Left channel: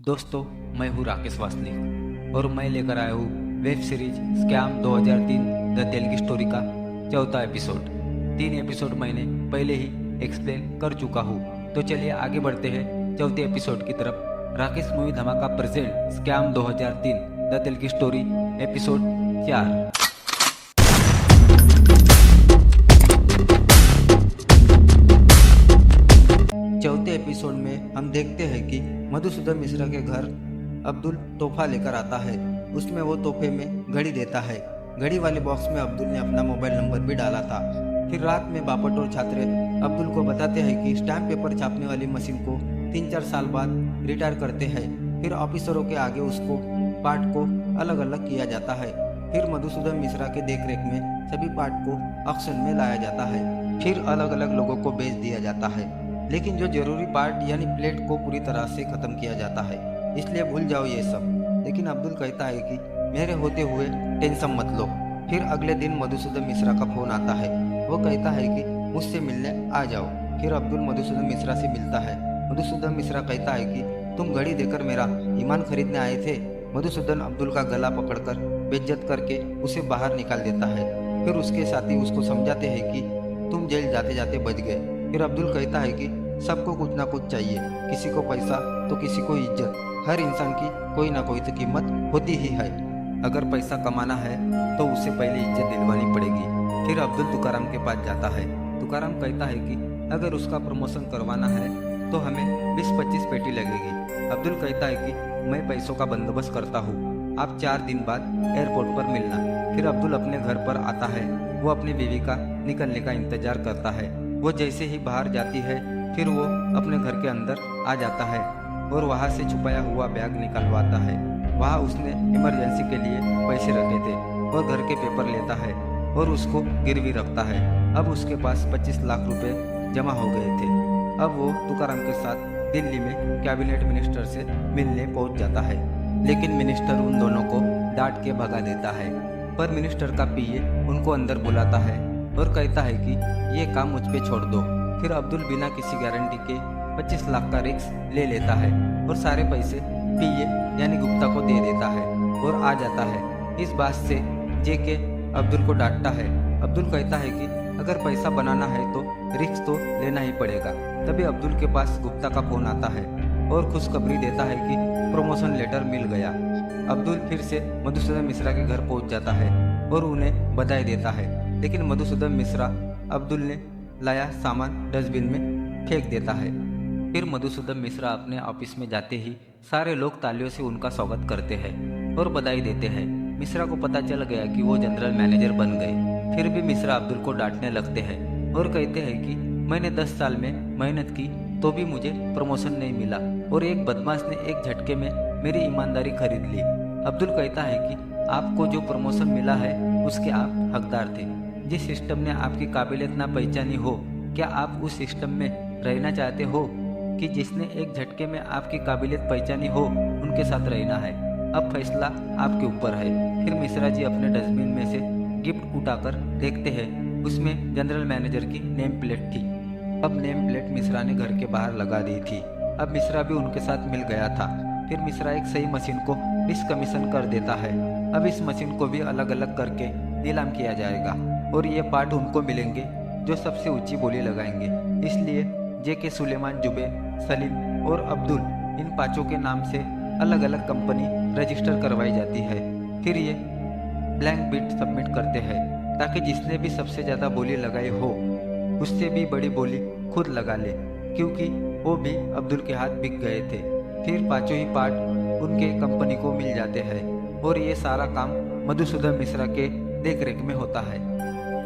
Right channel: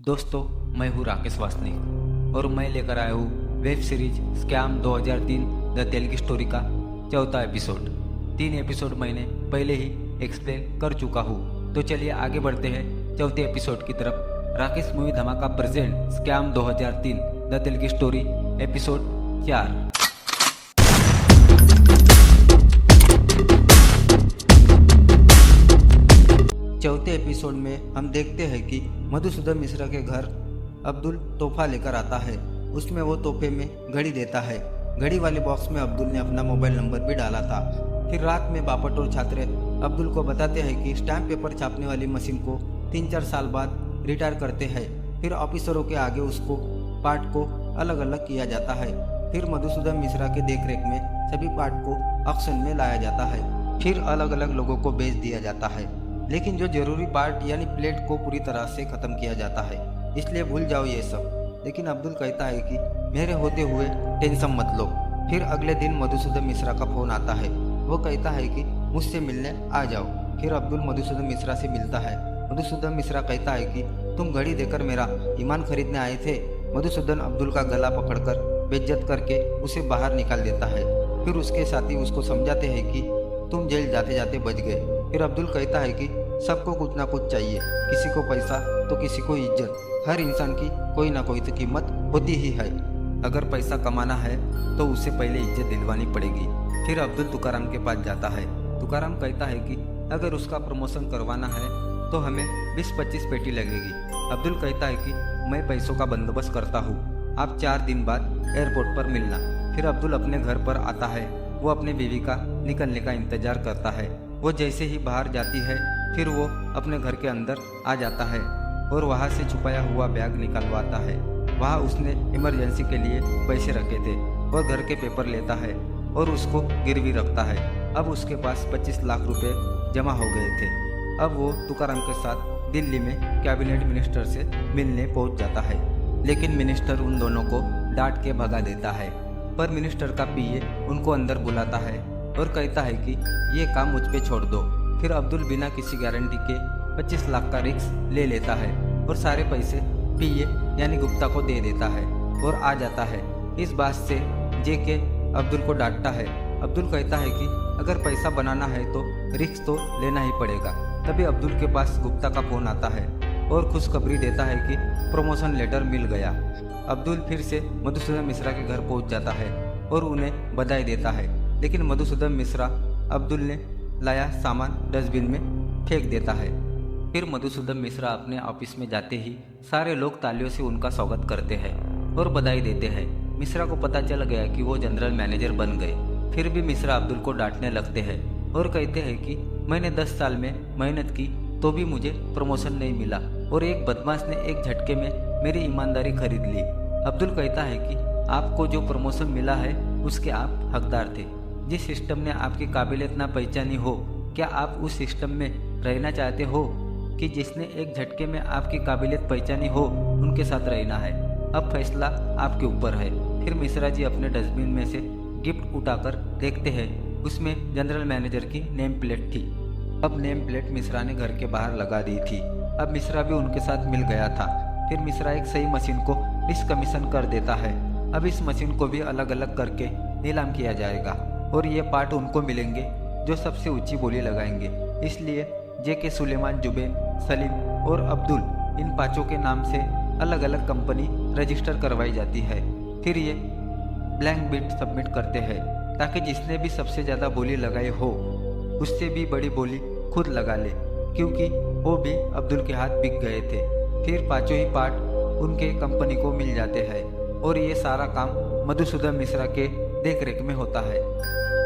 दोस्तों, मैं हूँ राकेश वासनिक और मैं लेकर आया हूँ web series scam 2003 the Telugu story का चौथा एपिसोड। 3 एपिसोड मैंने पहले ही एक्सप्लेन कर चुका हूँ, तो चलिए आगे बढ़ते हैं चौथे एपिसोड की तरफ। राकेश मूवी धमाका present scam 2003 the Telugu story episode 4। चौथे एपिसोड में हम देखते हैं कि मधुसूदन मिश्रा के घर अब्दुल तोहफा लेकर आता है। उसमें वो तोहफे में घड़ी देता है। घड़ी वाले बॉक्स में अब्दुल ने अपना मोबाइल नंबर भी डाला था। फिर रात में बापट और छात्र अब्दुल को बताते हैं कि स्टैम्प पेपर छापने वाली मशीन को 3-4 साल बाद रिटायर करते हैं। फिर ऑफिसरों के आगे उसको पार्ट को अलग अलग किया जाता है। फिर मधुसूदन मिश्रा के देखरेख में सभी पार्ट को ऑक्शन में लाया जाता है। फिर अलग अलग लोगों को बेच दिया जाता है, लेकिन जो जरूरी पार्ट यानी प्लेट को पूरी तरह से खत्म किया जाता है, इसलिए भूल जाओ ये सब। लेकिन अब्दुल कहता है कि मेरे होते हुए टेंशन मत लो। फिर अगले दिन मधुसूदन मिश्रा का फोन आता है। वो कहता है कि मुझसे मिलने आ जाओ। फिर अब्दुल मधुसूदन मिश्रा से मिलता है। मधुसूदन मिश्रा कहता है कि तुम घड़ी देकर मेरा ईमान खरीदने आए थे। मधुसूदन अब्दुल का गला पकड़कर बेइज्जत करके उसे बाहर निकाल देता है। फिर उसके साथी उसको समझाते हैं कि तुम जेल जाते जाते बच गए। फिर अब्दुल कहता है कि सबको कुछ ना कुछ चाहिए, किसी को पैसा तो किसी को इज्जत। हर इंसान की कोई ना कोई तो कीमत होती ही है। अगर पैसा कमाना है तो उसे पहले इज्जत दिलवानी पड़ेगी। फिर अब्दुल तुकाराम के पास जाता है। तुकाराम कहता है कि अगर उसका प्रमोशन करवाना है तो हमें 20-25 पेटी लगेगी। अब्दुल कहता है कि मैं पैसों का बंदोबस्त करता हूँ, आप 4 दिन बाद एयरपोर्ट पर मिलना। फिर अब्दुल अपने घर पर आता है। वो अपनी बीवी का निकलने का इंतजार करता है। वो जैसे ही बाहर जाती है, फिर वो अपने घर के अंदर आ जाता है और वहाँ से छुपाया हुआ बैग निकलवाता है। वहाँ उसने इमरजेंसी के लिए पैसे रखे थे और घर के पेपर लेता है और उसको गिरवी रखता है। अब उसके पास 25 लाख रुपए जमा हो गए थे। अब वो तुकाराम के साथ दिल्ली में कैबिनेट मिनिस्टर से मिलने पहुंच जाता है, लेकिन मिनिस्टर उन दोनों को डांट के भगा देता है। पर मिनिस्टर का पीए उनको अंदर बुलाता है और कहता है कि ये काम मुझ पे छोड़ दो। फिर अब्दुल बिना किसी गारंटी के 25 लाख का रिस्क ले लेता है और सारे पैसे पीए यानी गुप्ता को दे देता है और आ जाता है। इस बात से जेके अब्दुल को डांटता है। अब्दुल कहता है कि अगर पैसा बनाना है तो रिस्क तो लेना ही पड़ेगा। तभी अब्दुल के पास गुप्ता का फोन आता है और खुशखबरी देता है कि प्रमोशन लेटर मिल गया। अब्दुल फिर से मधुसूदन मिश्रा के घर पहुंच जाता है और उन्हें बधाई देता है, लेकिन मधुसूदन मिश्रा अब्दुल ने लाया सामान डस्टबिन में फेंक देता है। फिर मधुसूदन मिश्रा अपने ऑफिस में जाते ही सारे लोग तालियों से उनका स्वागत करते हैं और बधाई देते हैं। मिश्रा को पता चल गया कि वो जनरल मैनेजर बन गए। फिर भी मिश्रा अब्दुल को डांटने लगते हैं और कहते हैं कि मैंने 10 साल में मेहनत की तो भी मुझे प्रमोशन नहीं मिला और एक बदमाश ने एक झटके में मेरी ईमानदारी खरीद ली। अब्दुल कहता है कि आपको जो प्रमोशन मिला है उसके आप हकदार थे। जिस सिस्टम ने आपकी काबिलियत ना पहचानी हो, क्या आप उस सिस्टम में रहना चाहते हो कि जिसने एक झटके में आपकी काबिलियत पहचानी हो उनके साथ रहना है? अब फैसला आपके ऊपर है। फिर मिश्रा जी अपने डस्टबिन में से गिफ्ट उठाकर देखते हैं, उसमें जनरल मैनेजर की नेम प्लेट थी। अब नेम प्लेट मिश्रा ने घर के बाहर लगा दी थी। अब मिश्रा भी उनके साथ मिल गया था। फिर मिश्रा एक सही मशीन को डिसकमीशन कर देता है। अब इस मशीन को भी अलग अलग करके नीलाम किया जाएगा और ये पार्ट उनको मिलेंगे जो सबसे ऊंची बोली लगाएंगे। इसलिए जेके सुलेमान, जुबेन, सलीम और अब्दुल इन पांचों के नाम से अलग अलग कंपनी रजिस्टर करवाई जाती है। फिर ये ब्लैंक बिट सबमिट करते हैं ताकि जिसने भी सबसे ज़्यादा बोली लगाई हो उससे भी बड़ी बोली खुद लगा ले, क्योंकि वो भी अब्दुल के हाथ बिक गए थे। फिर पांचों ही पार्ट उनके कंपनी को मिल जाते हैं और ये सारा काम मधुसूदन मिश्रा के देखरेख में होता है।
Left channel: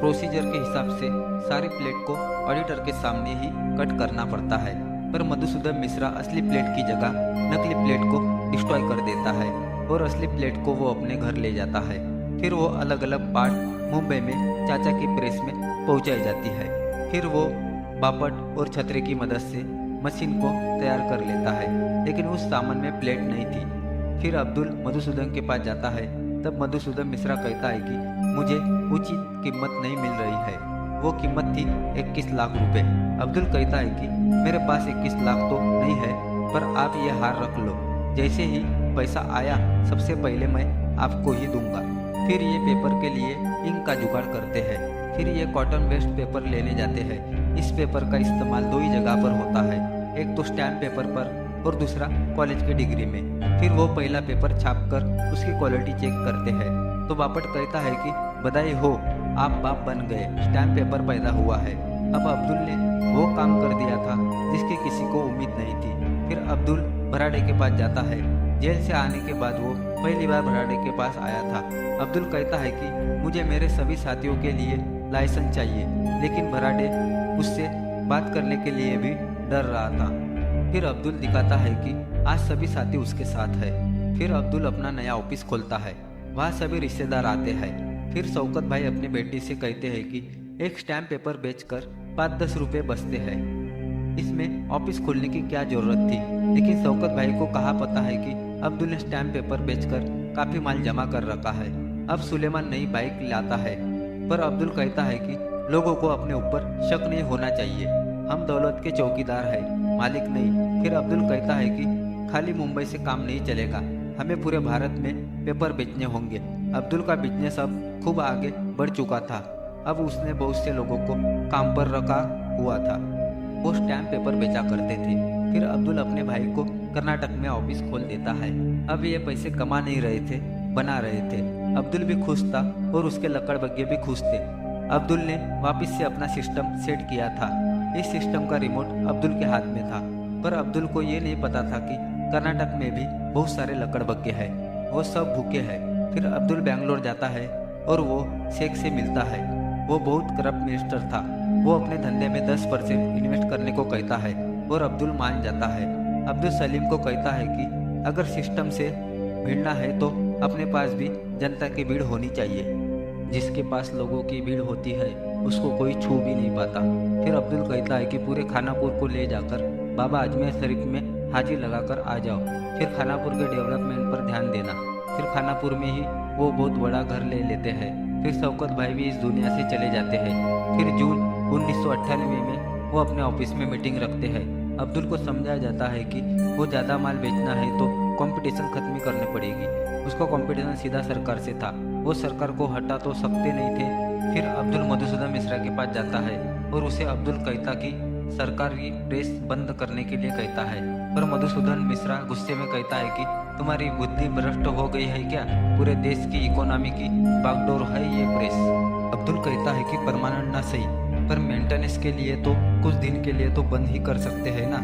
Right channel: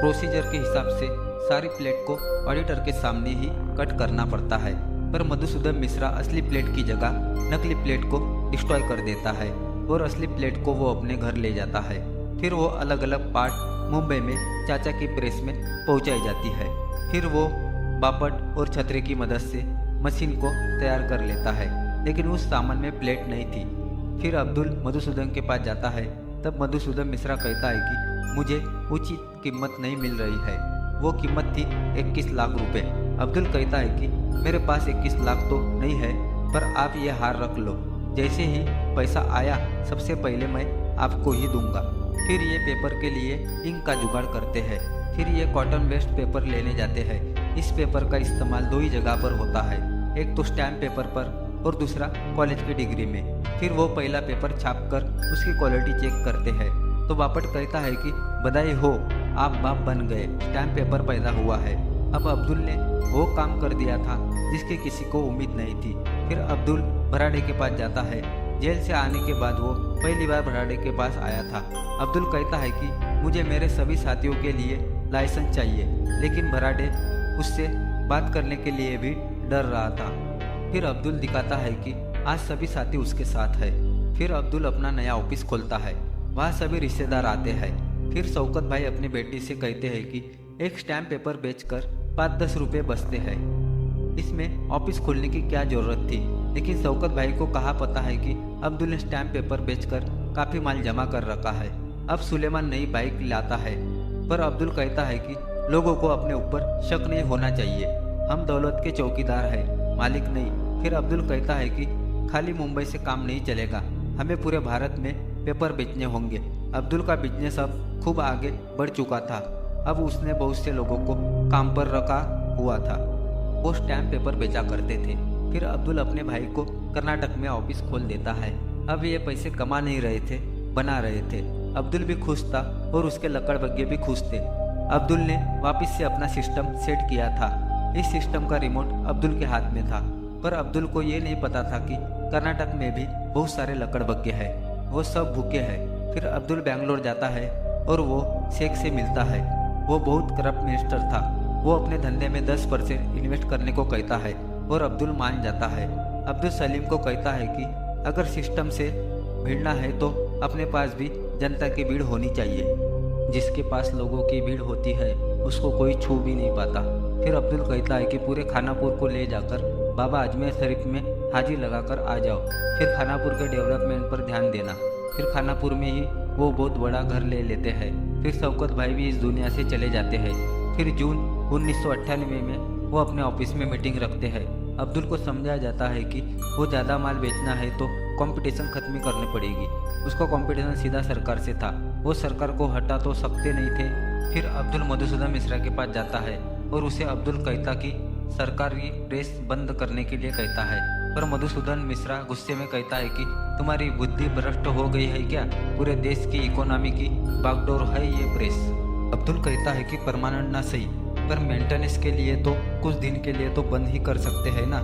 प्रोसीजर के हिसाब से सारी प्लेट को ऑडिटर के सामने ही कट करना पड़ता है, पर मधुसूदन मिश्रा असली प्लेट की जगह नकली प्लेट को डिस्ट्रॉय कर देता है और असली प्लेट को वो अपने घर ले जाता है। फिर वो अलग अलग पार्ट मुंबई में चाचा की प्रेस में पहुंचाई जाती है। फिर वो बापट और छतरे की मदद से मशीन को तैयार कर लेता है, लेकिन उस सामान में प्लेट नहीं थी। फिर अब्दुल मधुसूदन के पास जाता है। तब मधुसूदन मिश्रा कहता है कि मुझे उचित कीमत नहीं मिल रही है। वो कीमत थी 21 लाख रुपए। अब्दुल कहता है कि मेरे पास 21 लाख तो नहीं है, पर आप ये हार रख लो। जैसे ही पैसा आया सबसे पहले मैं आपको ही दूंगा। फिर ये पेपर के लिए इंक का जुगाड़ करते हैं। फिर ये कॉटन वेस्ट पेपर लेने जाते हैं। इस पेपर का इस्तेमाल दो ही जगह पर होता है, एक तो स्टैम्प पेपर पर और दूसरा कॉलेज की डिग्री में। फिर वो पहला पेपर छापकर उसकी क्वालिटी चेक करते हैं तो बापट कहता है कि बधाई हो, आप बाप बन गए, स्टैम्प पेपर पैदा हुआ है। अब अब्दुल ने वो काम कर दिया था जिसकी किसी को उम्मीद नहीं थी। फिर अब्दुल भराड़े के पास जाता है। जेल से आने के बाद वो पहली बार भराड़े के पास आया था। अब्दुल कहता है कि मुझे मेरे सभी साथियों के लिए लाइसेंस चाहिए, लेकिन भराड़े उससे बात करने के लिए भी डर रहा था। फिर अब्दुल दिखाता है कि आज सभी साथी उसके साथ है। फिर अब्दुल अपना नया ऑफिस खोलता है, वहाँ सभी रिश्तेदार आते हैं। फिर शौकत भाई अपनी बेटी से कहते हैं कि एक स्टैम्प पेपर बेचकर 5-10 रुपये बचते हैं, इसमें ऑफिस खोलने की क्या जरूरत थी। लेकिन शौकत भाई को कहाँ पता है कि अब्दुल ने स्टैम्प पेपर बेचकर काफी माल जमा कर रखा है। अब सुलेमान नई बाइक लाता है, पर अब्दुल कहता है कि लोगों को अपने ऊपर शक नहीं होना चाहिए, हम दौलत के चौकीदार हैं, मालिक नहीं। फिर अब्दुल कहता है कि खाली मुंबई से काम नहीं चलेगा, हमें पूरे भारत में पेपर बेचने होंगे। अब्दुल का बिजनेस अब खूब आगे बढ़ चुका था। अब उसने बहुत से लोगों को काम पर रखा हुआ था, वो स्टैम्प पेपर बेचा करते थे। फिर अब्दुल अपने भाई को कर्नाटक में ऑफिस खोल देता है। अब ये पैसे कमा नहीं रहे थे, बना रहे थे। अब्दुल भी खुश था और उसके लकड़बग्गे भी खुश थे। अब्दुल ने वापस से अपना सिस्टम सेट किया था। इस सिस्टम का रिमोट अब्दुल के हाथ में था, पर अब्दुल को ये नहीं पता था कि कर्नाटक में भी बहुत सारे लकड़बग्गे हैं, वो सब भूखे हैं। फिर अब्दुल बेंगलोर जाता है और वो शेख से मिलता है। वो बहुत करप्ट मिनिस्टर था। वो अपने धंधे में 10% इन्वेस्ट करने को कहता है और अब्दुल मान जाता है। अब्दुल सलीम को कहता है कि अगर सिस्टम से भिड़ना है तो अपने पास भी जनता की भीड़ होनी चाहिए, जिसके पास लोगों की भीड़ होती है उसको कोई छू भी नहीं पाता। फिर अब्दुल कहता है कि पूरे खानापुर को ले जाकर बाबा अजमेर शरीफ में हाजिर लगाकर आ जाओ। फिर खानापुर के डेवलपमेंट पर ध्यान देना। फिर खानापुर में ही वो बहुत बड़ा घर ले लेते हैं। फिर शौकत भाई भी इस दुनिया से चले जाते हैं। फिर जून 1998 में वो अपने ऑफिस में मीटिंग रखते हैं। अब्दुल को समझाया जाता है कि वो ज़्यादा माल बेचना है तो कंपटीशन खत्म करनी पड़ेगी। उसका कंपटीशन सीधा सरकार से था, वो सरकार को हटा तो सकते नहीं थे। फिर अब्दुल मधुसूदन मिश्रा के पास जाता है और उसे अब्दुल कहता कि सरकारी प्रेस बंद करने के लिए कहता है, पर मधुसूदन मिश्रा गुस्से में कहता है कि तुम्हारी बुद्धि भ्रष्ट हो गई है क्या, पूरे देश की इकोनॉमी की बागडोर है ये प्रेस। अब्दुल कहता है कि परमानेंट ना सही, पर मेंटेनेंस के लिए तो कुछ दिन के लिए तो बंद ही कर सकते हैं ना।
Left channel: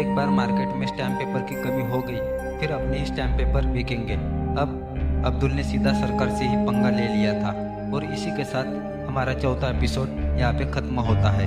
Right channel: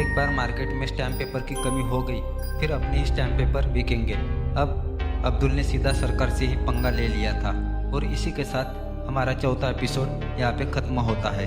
एक बार मार्केट में स्टैम्प पेपर की कमी हो गई, फिर अपने ही स्टैम्प पेपर बिकेंगे। अब अब्दुल ने सीधा सरकार से ही पंगा ले लिया था। और इसी के साथ हमारा चौथा एपिसोड यहाँ पे ख़त्म होता है।